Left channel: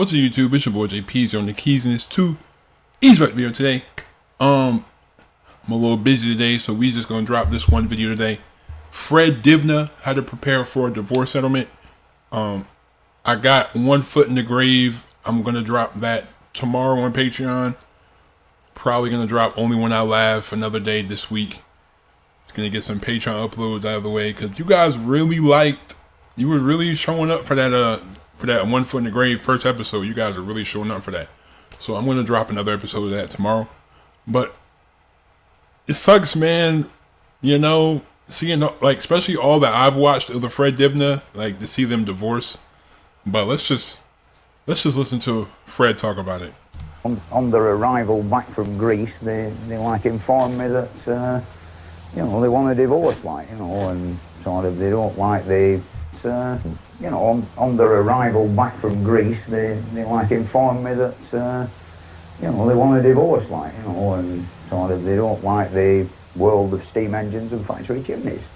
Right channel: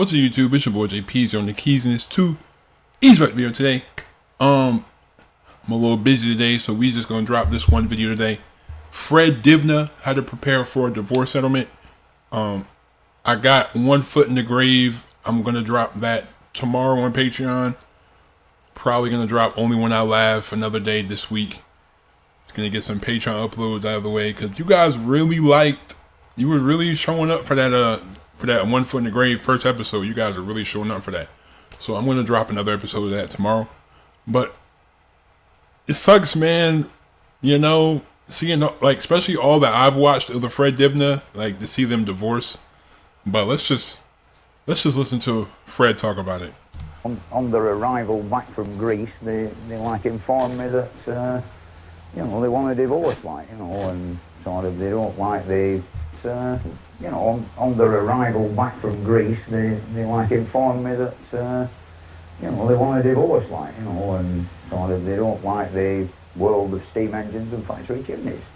What's up, YouTube? It's your boy JP's on the keys, and it's two easy right video today. I'm a little busy today, so we just gonna drop this one video today. Fred Dibnah had to prepare for a divorce settlement. I got one foot in the grave. I'm gonna drop that tomorrow on Patreon. Probably gonna drop only when I laugh another day this week. It's gonna get some Patreon uploads out of the way because you guys really liked. You were really showing up for that. For that one foot in the grave first episode. You guys are really showing up for that. So I'm gonna drop another episode of that tomorrow. But it sucks, man. You know, seeing like especially all that I've watched of the Fred Dibnah, like to see them divorce. But let's just listen to Fred talk about it. On their arrival back from Greece, they like informed me that you know, they want a divorce, like, you know, and sort of they don't like the you know, on their arrival back from Greece, they like informed me that you know, they want a divorce, like, you know, and sort of they don't like the world of steam engines and factory chimneys.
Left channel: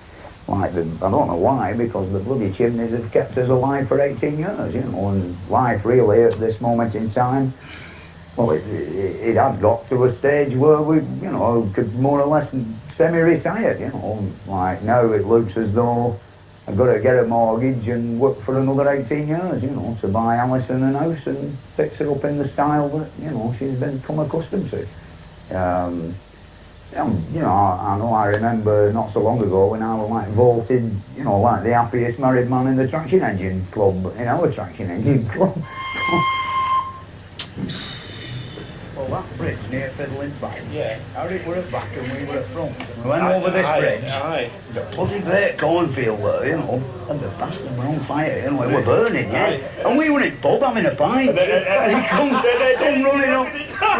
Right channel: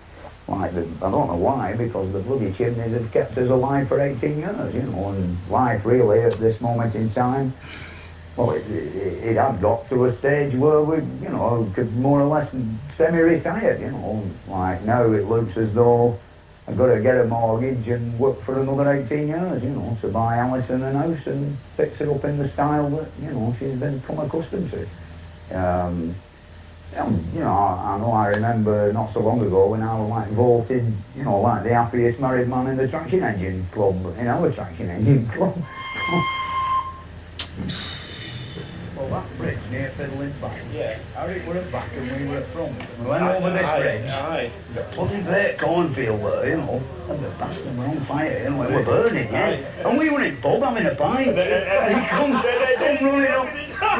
Like, I don't know why, because the bloody chimneys have kept us alive for 18 years, you know, and life really at this moment in time, well, it had got to a stage where we, you know, could more or less semi-retire, you know. Like, now it looks as though I've got to get a mortgage and work for another 18 years, you know, to buy Alison a house and fix it up in the style that, you know, she's become accustomed to. You know, I know I remember not so long ago when I was like voted, you know, like the happiest married man in the traction engine club, in our traction engine club. Well, that bridge near Fiddling Back, yeah, Harry were at back and we were at front. We went over this bridge, the bloody great cornfield there, you know, and the bastard were on fire, you know, it were burning, yeah. And we were in pub having a pint, and he come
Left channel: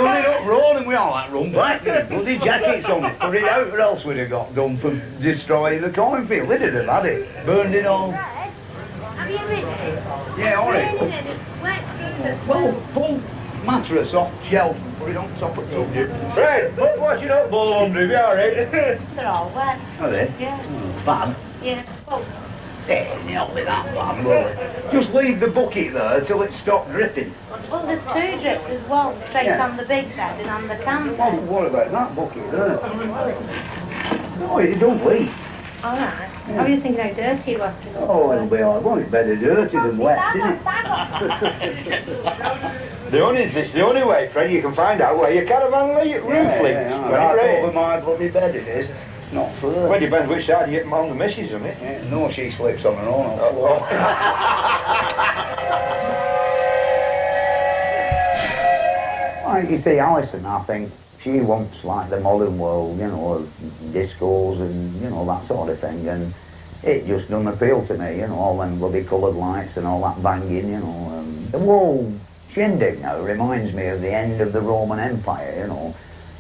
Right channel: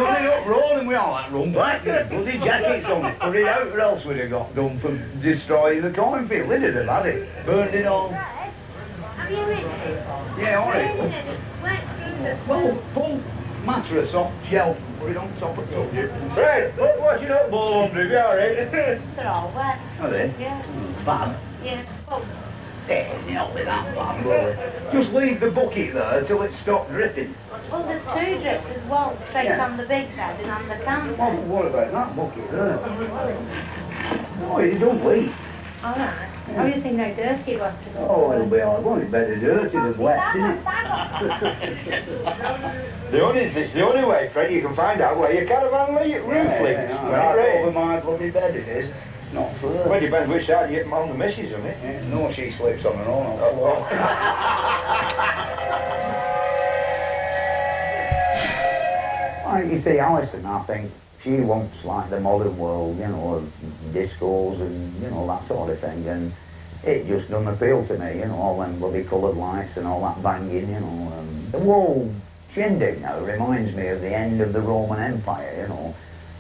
running up road, and we all like run back, with bloody jackets on it, put it out, or else we'd have got done for destroying the cornfield. They did have had it, burned it all. Have you ridden it? Yeah, alright. Well, pull mattress off shelf and put it on top of the Fred, look what you don't ball on, do you alright? They're all wet. Are they? Yeah. Bad? Yeah. Oh, Not be that bad, really. Just leave the bucket there till it stopped dripping. well, there's two drips as well, straight Yeah. on the big bed and on the counter. Well, what about that bucket there? No, it don't leak. All right. I didn't think how dirty it was. Oh, it'll be all right. Well, it's better dirty than wet, isn't it? The only way, Fred, you can find out where your caravan roof leaks. Right over my bloody bed it is. Not further. Well, depends which side you get on the missus on it. Yeah, no, she sleeps on her own on the floor. Like you see, Alison, I think she wants like the modern world, you know, of discos and, you know, that sort of thing. And it just doesn't appeal to me, you know, all them bloody coloured lights and all that banging, you know. The whole shindig now reminds me of the end of the Roman Empire, you know.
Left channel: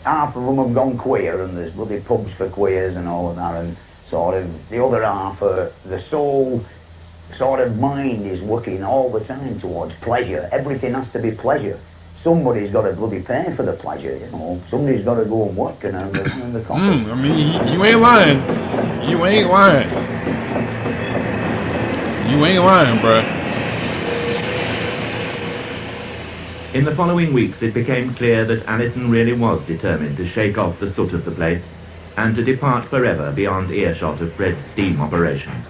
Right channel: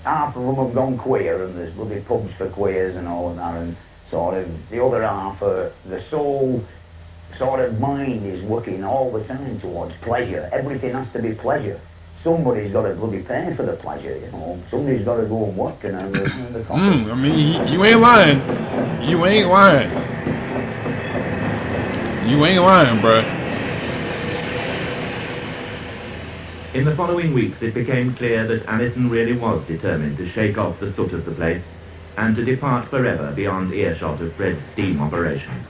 Half of them have gone queer and there's bloody pubs for queers and all of that, and sort of the other half, the soul sort of mind is working all the time towards pleasure. Everything has to be pleasure. Somebody's got to bloody pay for the pleasure, you know. Somebody's got to go and work and earn the cost. I mean, you ain't lying. You ain't lying. You ain't lying, bruh. In the following weeks, it became clear that Alison really was determined to shake off the soot of the place and to depart forever beyond earshot of Fred's steam operations.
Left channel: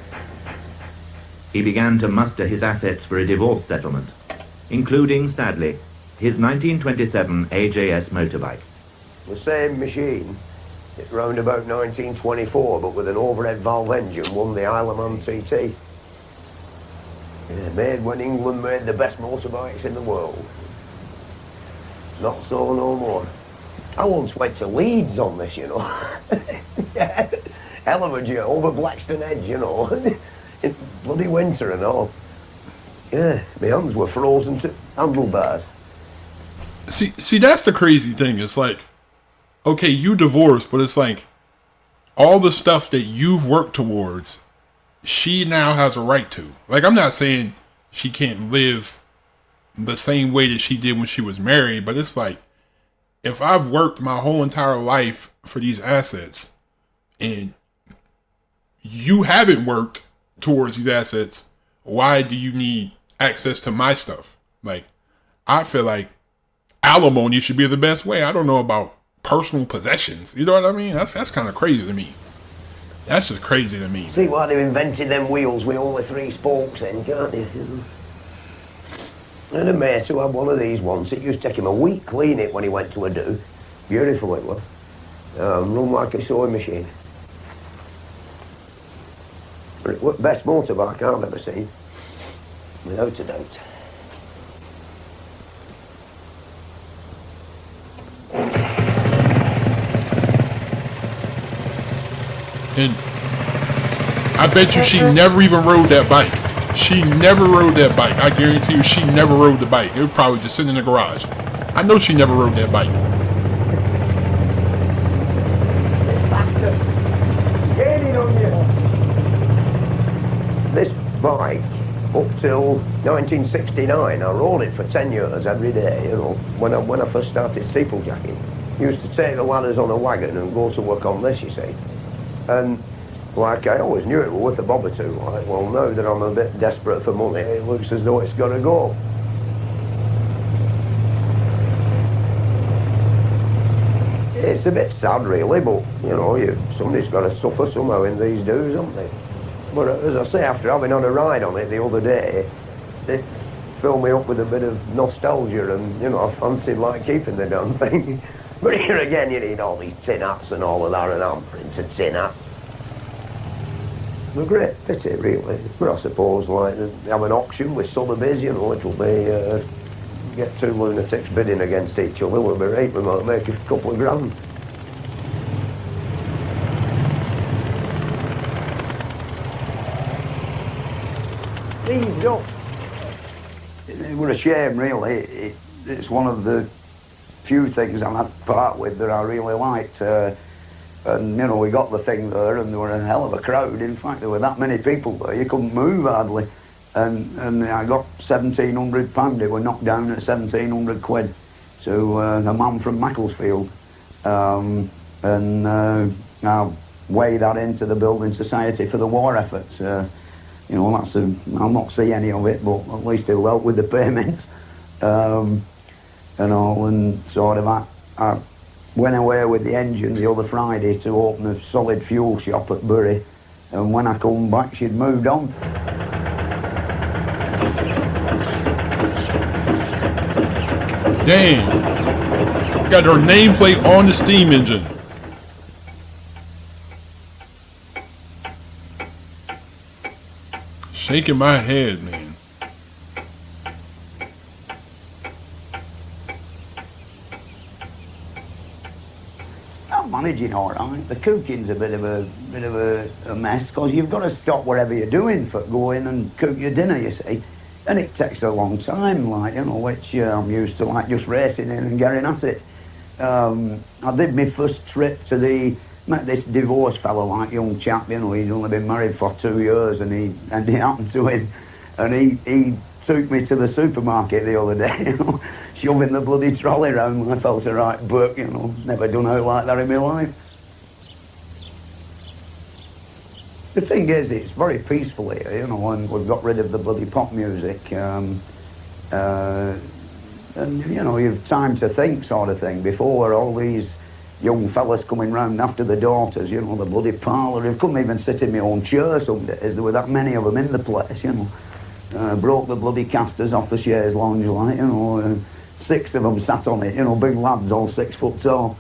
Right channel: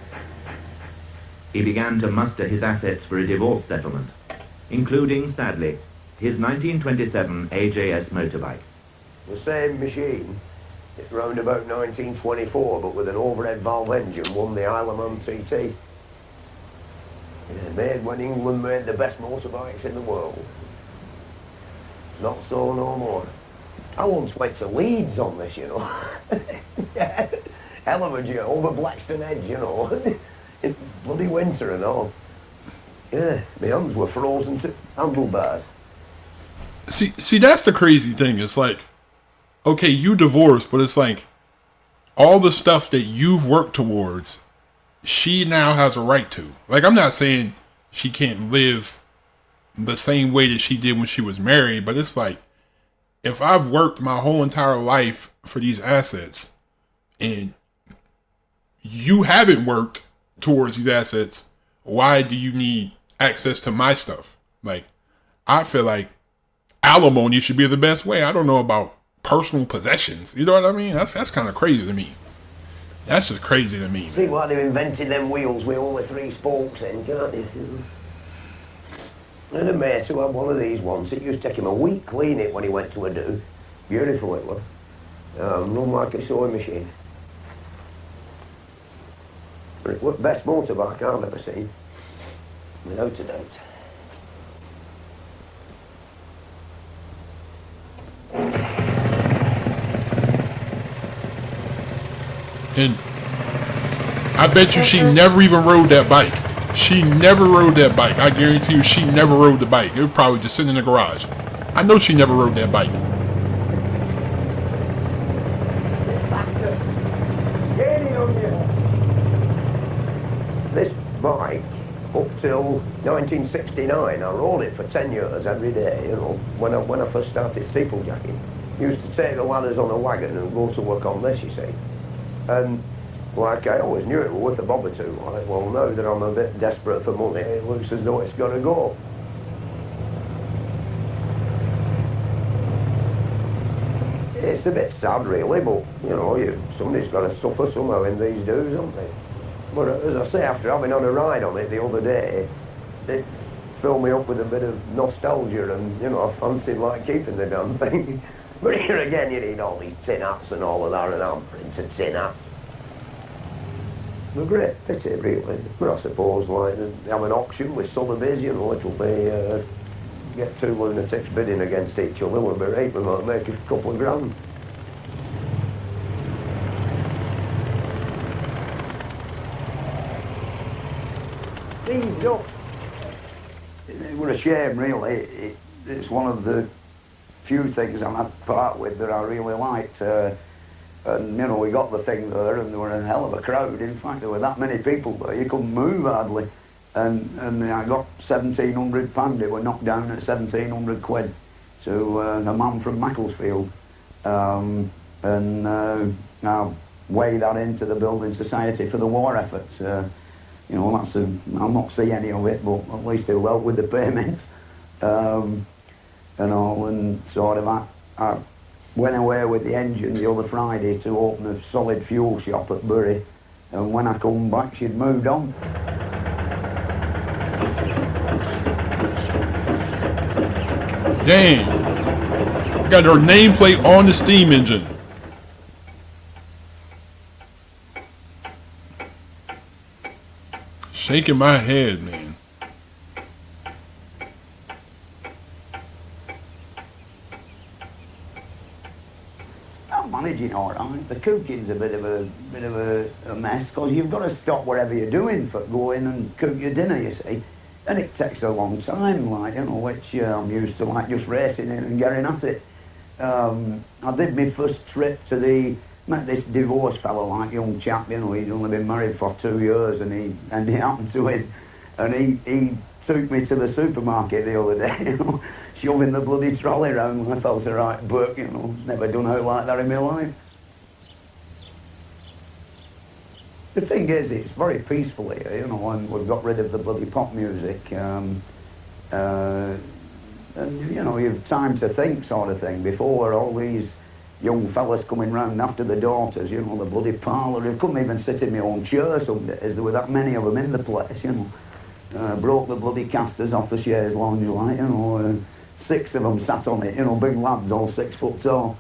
He began to muster his assets for a divorce settlement, including, sadly, his 1927 AJS motorbike. The same machine, it round about 1924, but with an overhead valve engine, won the Isle of Man TT. Yeah, made when England made the best motorbikes in the world. Not so no more. I once went to Leeds on this, you know. Hell of a journey, over Blackstone Edge, you know. In bloody winter and all. Yeah, my hands were frozen to handlebars. See, that's the crazy thing. It's like, okay, you divorced, but it's like all the stuff that you've worked towards, she now has a right to. Like, I'm not saying she can't live the same way that she did when she was married, but it's like, if I've worked my whole entire life for these assets and you haven't worked towards these assets, why do you need access to my stuff? Like, I feel like alimony should be the best way. I don't know about personal possessions. You know what I mean? That's kind of crazy to me. That's just crazy to me. See why they invented them wheels with all the 3 spokes in, can't you? And a mate who had one of these once, it used to take him a week clean it when he went to a do. Beautiful it was. Run like a sewing machine. But it was the best motorbike I've ever seen. Without a doubt. And I bet you she never even rode that bike. She never rode that bike. I guarantee you she never rode the bike. It was probably just sitting in the garage. I know she never rode that bike. This bike, up till 1969, I rode it for 10 years every day, you know, when I first started steeplejacking. Used to take the ladders on a wagon and go to work on this, you see. And, like, I always knew it was worth a bob or two. Like, well, now that I'm a bit desperate for money, it looks as though it's got to go. It's a bit sad, really, but, you know, somebody's got to suffer somehow in these do's, haven't they? But as I say, after having on a ride on it the other day, it filled me up with a bit of nostalgia and, you know, I fancied, like, keeping the damn thing. But here again, you need all these tin hats and all of that, and I'm printing tin hats. A great pity, really. But I suppose, like, they have an auction with Sotheby's, you know, it'll be, get 2 lunatics bidding against each other, we'll be right, we might make a couple of grand. It was a shame, really. It's one of the few things I'm had to part with that I really liked. And, you know, we got the thing there and there were a hell of a crowd. In fact, there were that many people there, you couldn't move hardly. And I got £1,700. They were knocked down at 1,700 quid. So the man from Macclesfield. I'll weigh that into the Building Society for the war efforts. You know, I'll not see any of it, but at least it'll help with the payments. And all, and sort of I went away with the engine the other Friday to open a solid fuel shop at Bury, and when I come back she'd moved on. Damn. Got her nameplate on the steam engine. Shaking my head, man. I'm managing all right. The cooking's a bit of a mess because you've got to stop whatever you're doing for go in and cook your dinner, you see. And it takes a long time, like, you know, which I'm used to, like, just racing in and getting at it. I did my first trip to met this divorced fellow, like, young chap, you know, he'd only been married for 2 years and it happened to him. And he took me to the supermarket the other day, you know, shoving the bloody trolley around. I felt a right buck, you know, never done out like that in my life. The thing is, it's very peaceful here, you know, and we've got rid of the bloody pop music. And, you know, you've time to think sort of thing. Before, all these young fellas coming round after the daughters, you know, the bloody parlour. I couldn't even sit in my own chair some days. There were that many of them in the place, you know. Broke the bloody casters off the chaise lounge, like, you know. 6 of them sat on it, you know, big lads, all 6 foot tall.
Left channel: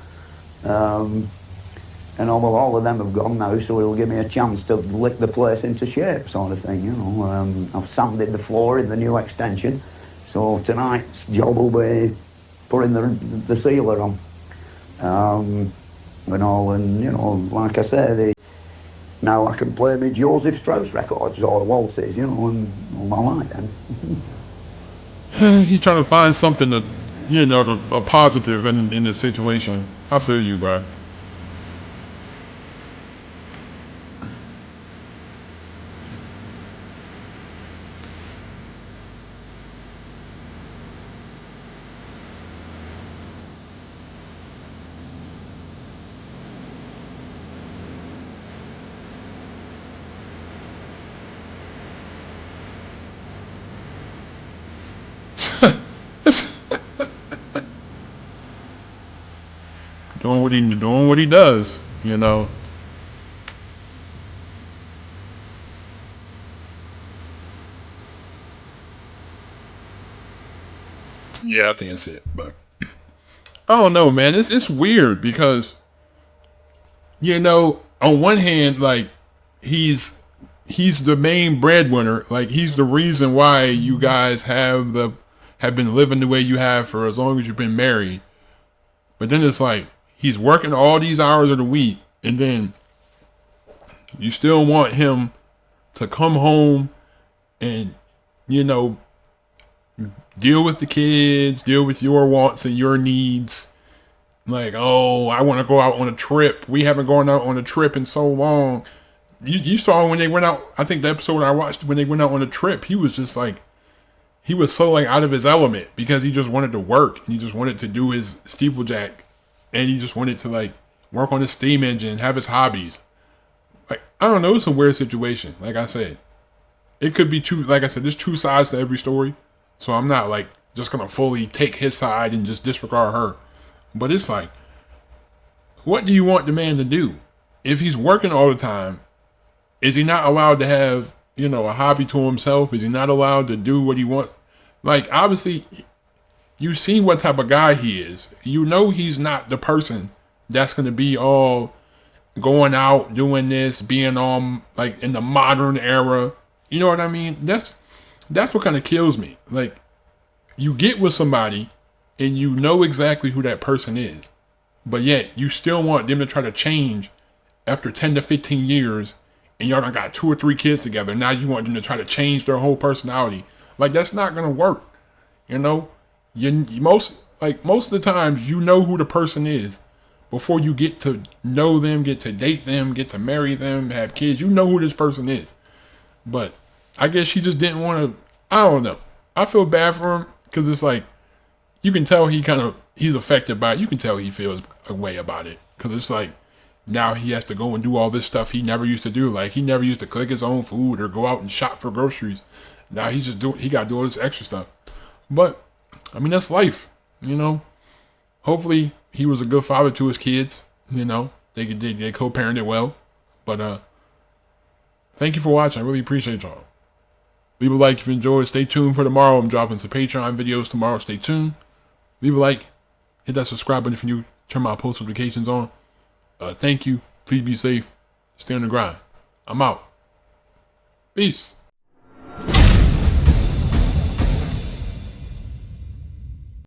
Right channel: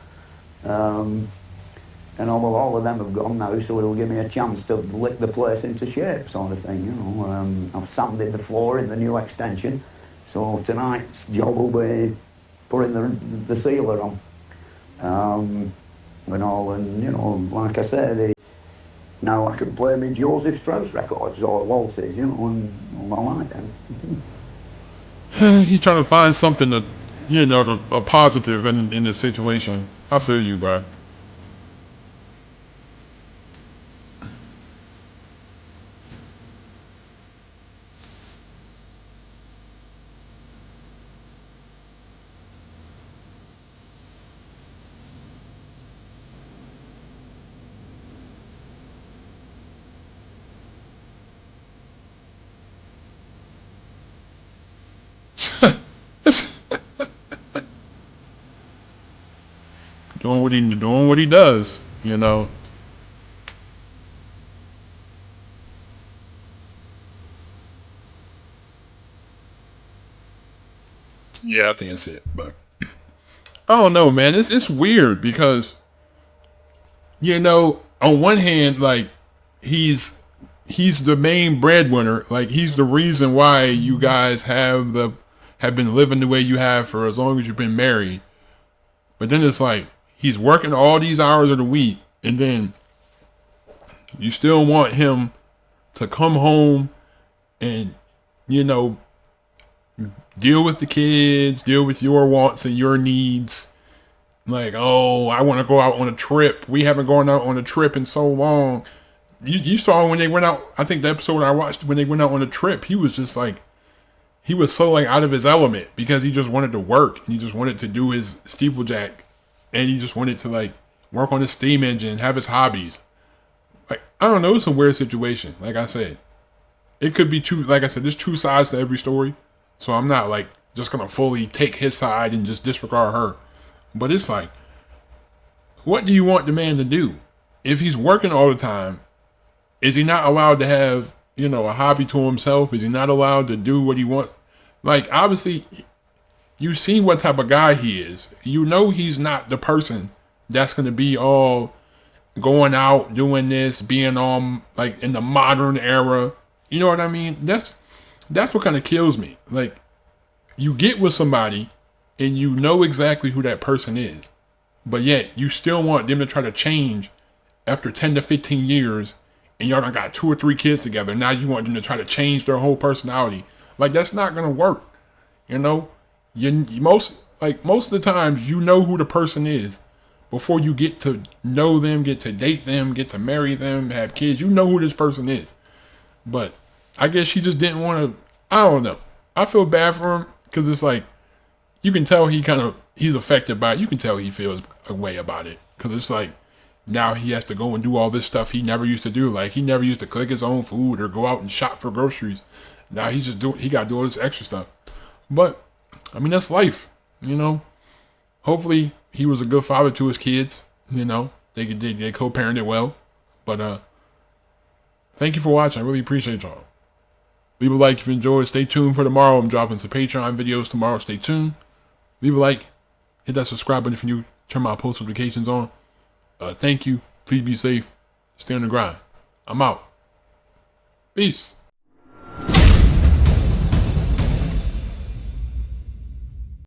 And all of them have gone now, so it'll give me a chance to lick the place into shape, sort of thing, you know. I've sanded the floor in the new extension, so tonight's job will be putting the sealer on. And all, and, you know, like I say, now I can play me Joseph Strauss records or waltzes, you know, and I like them. He's trying to find something to, you know, a positive in the situation. I feel you, bro. what he does, you know. Yeah, I think that's it. But I don't know, man. It's weird because, you know, on one hand, like he's the main breadwinner. Like he's the reason why you guys have been living the way you have for as long as you've been married. But then it's like he's working all these hours of the week, and then you still want him to come home and, you know, deal with the kids, deal with your wants and your needs. Like, oh, I want to go out on a trip. We haven't gone out on a trip in so long. You saw when they went out, I think the episode I watched when they went out on a trip, he was just like, he was so like out of his element because he just wanted to work. And he just wanted to do his steeplejack. And he just wanted to like work on his steam engine, have his hobbies. Like, I don't know, it's a weird situation. Like I said, it could be like I said, there's two sides to every story. So I'm not like just going to fully take his side and just disregard her. But it's like, what do you want the man to do? If he's working all the time, is he not allowed to have, you know, a hobby to himself? Is he not allowed to do what he wants? Like, obviously, you see what type of guy he is. You know he's not the person that's going to be all going out, doing this, being like in the modern era. You know what I mean? That's what kind of kills me. Like, you get with somebody and you know exactly who that person is, but yet you still want them to try to change after 10 to 15 years, and y'all done got 2 or 3 kids together. Now you want them to try to change their whole personality. Like, that's not gonna work. You know, most of the times you know who the person is before you get to know them, get to date them, get to marry them, have kids. You know who this person is. But I guess she just didn't want to. I don't know. I feel bad for him because it's like you can tell he's affected by it. You can tell he feels a way about it because it's like now he has to go and do all this stuff he never used to do. Like he never used to cook his own food or go out and shop for groceries. Now he got to do all this extra stuff. But I mean, that's life, you know. Hopefully he was a good father to his kids. You know, they co-parented well. But thank you for watching. I really appreciate y'all. Leave a like if you enjoyed. Stay tuned for tomorrow. I'm dropping some Patreon videos tomorrow. Stay tuned. Leave a like. Hit that subscribe button if you're new. Turn my post notifications on. Thank you. Please be safe. Stay on the grind. I'm out. Peace.